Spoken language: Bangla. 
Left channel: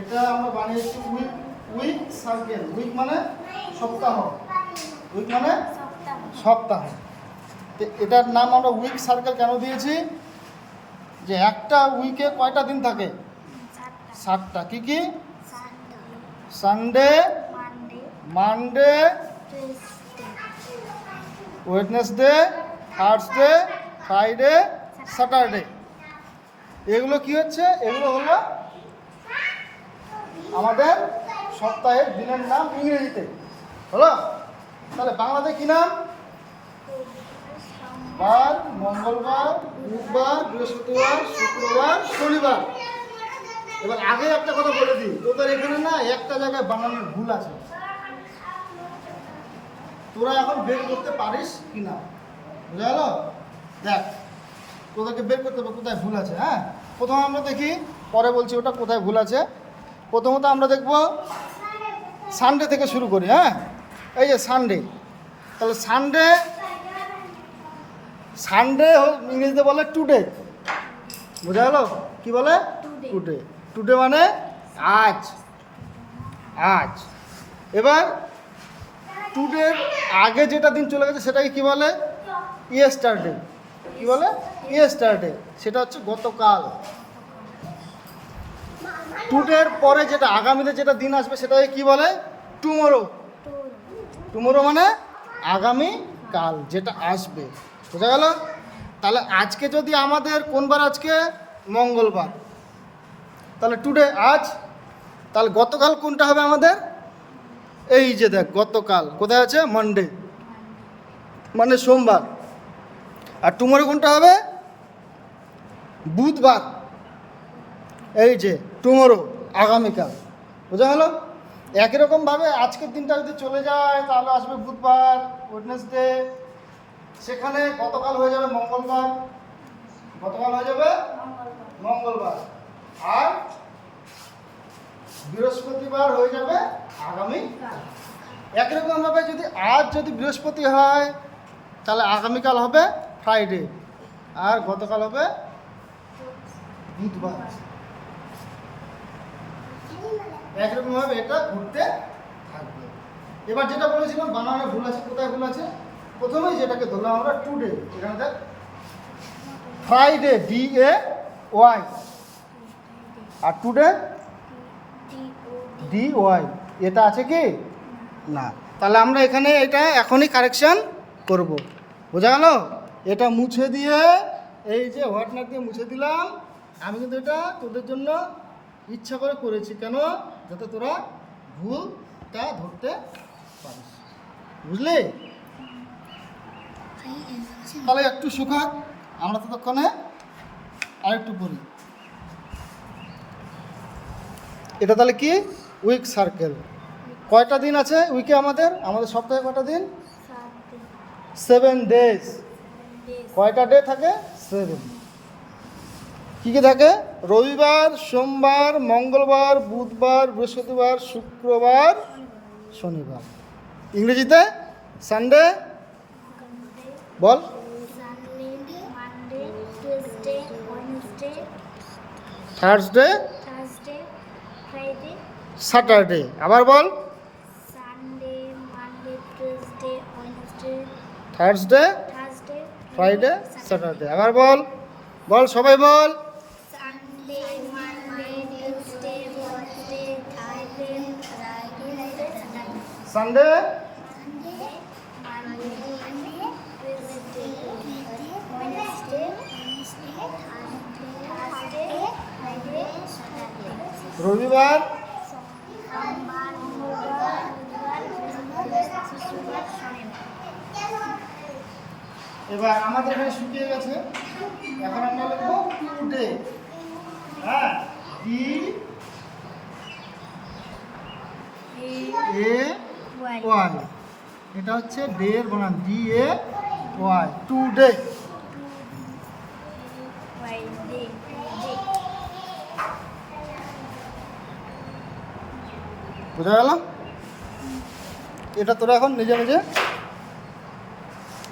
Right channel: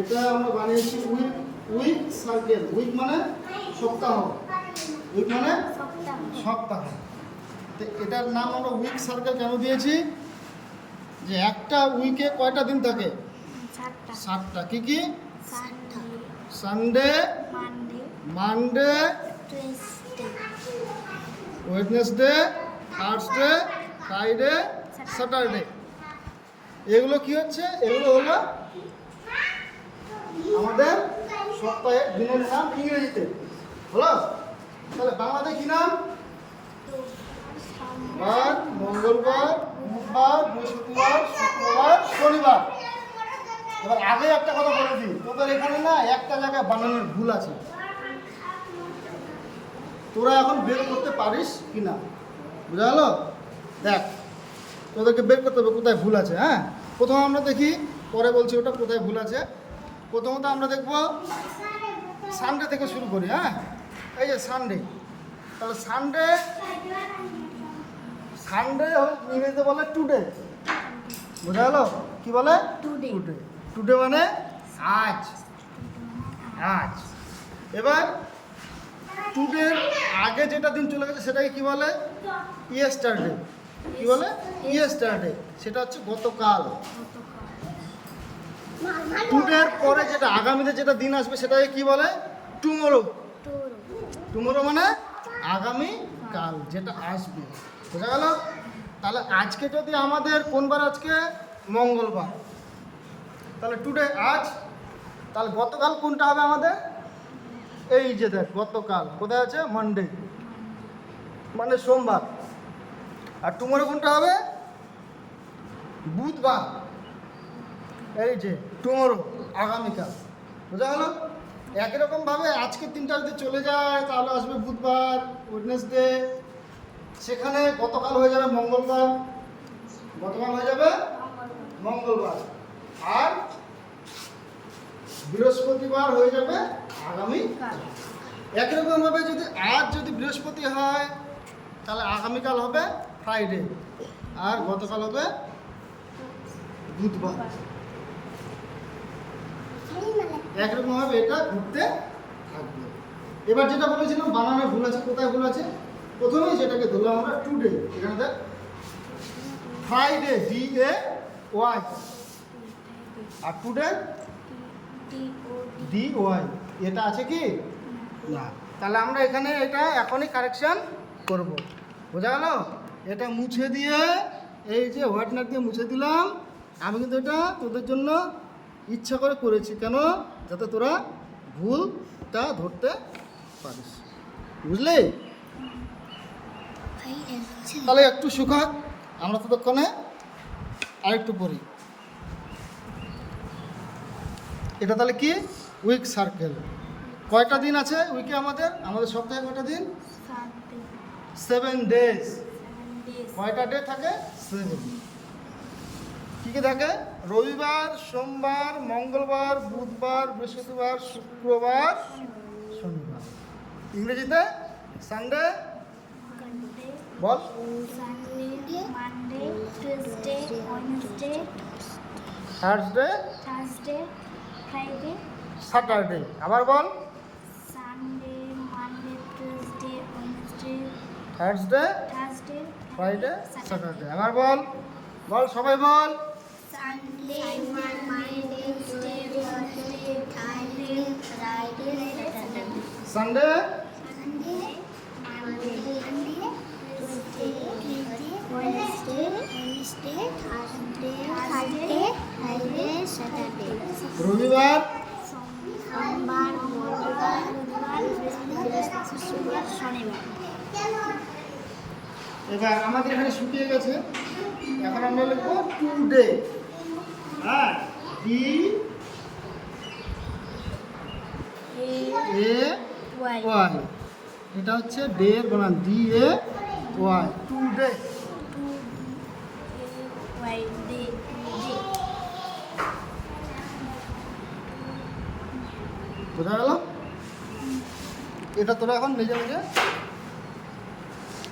এটা আমরা বানিয়েছি উইক উইক সার্কেল। উইক মানে সপ্তাহ, উইক মানে সপ্তাহ। এটার নাম আমরা উইক সার্কেল কেন দিয়েছি? যে একটা উইকে কয়টা দিন থাকে? 7টা। কি কি? Sunday, Monday, Wednesday, Thursday, Friday, Saturday. এগুলো কি হচ্ছে? এগুলো হলো আমাদের সপ্তাহের দিনের নাম ইংরেজিতে। হলো? তাহলে বাংলাতে কি নাম? বার, মঙ্গলবার, বুধবার, বৃহস্পতিবার, শুক্রবার, শনিবার। এবার আগে একটা কথা বলে দিই, তোদের এখানে না একটা জায়গায় বানানোর ভুল আছে। তোরা এখন বের করতে পারিস কি না? বুঝা গেল? দেখ, তোদেরকে বের করতে হবে কোথায় ভুল আছে। হ্যাঁ, প্রথমে আমরা দেখি, পরে বলছি ওটা কোথায় ভুল আছে। প্রথমত আমরা দেখব সানডে থেকে শুরু করি। হ্যাঁ, এই যে সানডে। তাহলে সানডে, সানডে ইংরেজিতে বলে টুডে। বুঝা গেল? কি বলে? টুডে। টুডে মানে আজ, আজ। এবার টুডের আগে যেটা দিন চলে গেছে সেটাকে কি বলে? ইয়েস্টারডে। কি বলে? ইয়েস্টারডে। সেটা হচ্ছে গতকাল। টুডের পরে যেটা আগামীতে যেটা দিন আসবে সেটাকে কি বলে? টুমরো। টুমরো মানে আগামী কাল, যেটা আসবে। বুঝা গেল? তাহলে আজকে যদি আমাদের কোন বার? আজকে মঙ্গলবার। তাহলে টুডে আজ। তাহলে গতকাল কোনটা হবে আমাদের? এই যে দেখ, গতকাল কোথায় আছে? মানডে মানে সোমবার। আর টুমরো কোনটা হবে? বুধবার। এই যে টুমরো, আগামীকাল। বুঝা গেল? একই রকমভাবে আজকের দিনটা যদি চলে যায় তাহলে আসবে বুধবার, ওয়েডনেসডে। সেখানে গতকাল হয়ে যাবে মঙ্গলবার, গতকাল হয়ে যাবে মঙ্গলবার। আর বৃহস্পতিবার হয়ে যাবে আগামী। একই রকমভাবে যদি আজ যদি বৃহস্পতি হয় তাহলে আগামীকাল হবে ফ্রাইডে, আর গতকাল হবে বুধবার। একরকমভাবে এটা ঘুরতে থাকবে। এবার যেটা বলেছিলাম বানানোর ভুল আছে, কোথায় ভুল আছে? প্রথমেই যেটাকে ধরলাম আমরা টুডে, এখানে দেখ ফ্রাইডে DAY, আর টুডে DY। এটা আছে কি না? তাহলে আমরা এখানে এটা এখনই কারেকশন করব। বোঝা গেল? এটা মুছে দিয়ে, এই যে হোয়াইটনার দিয়ে মুছে দিলাম। আমি কিন্তু এটা তোদের জন্য ইচ্ছা করে করেছি। কেন? যাতে তোরা ভুলটা ধরতে পারিস। বুঝলি? তাহলে একটু শুকাক, আমরা ততক্ষণে আরেকটু পড়ি। এটা তাহলে কি? Week circle. কয়টা দিন আছে উইকে? আমাদের সপ্তাহে কয়টা দিন? 7 ডেজ। কয়টা ডে থাকে? 7। কী কী থাকে? রবিবার, সোমবার, মঙ্গলবার, বুধবার, বৃহস্পতিবার, শুক্রবার, শনিবার। ইংরেজিতে সানডে বল। Thursday, Saturday. আবার বল। Thursday, Friday, Saturday. আবার বল, বল সবাই বল। সানডে, রবিবার, এবার আমাদের এখানে শুকিয়ে গেছে। এখন আমরা লিখবো টুডে। হ্যাঁ, DAY। এটা হচ্ছে ডে এর বানান, DAY, টুডে। বুঝা গেল? এটা তোরা এখন নিজে নিজে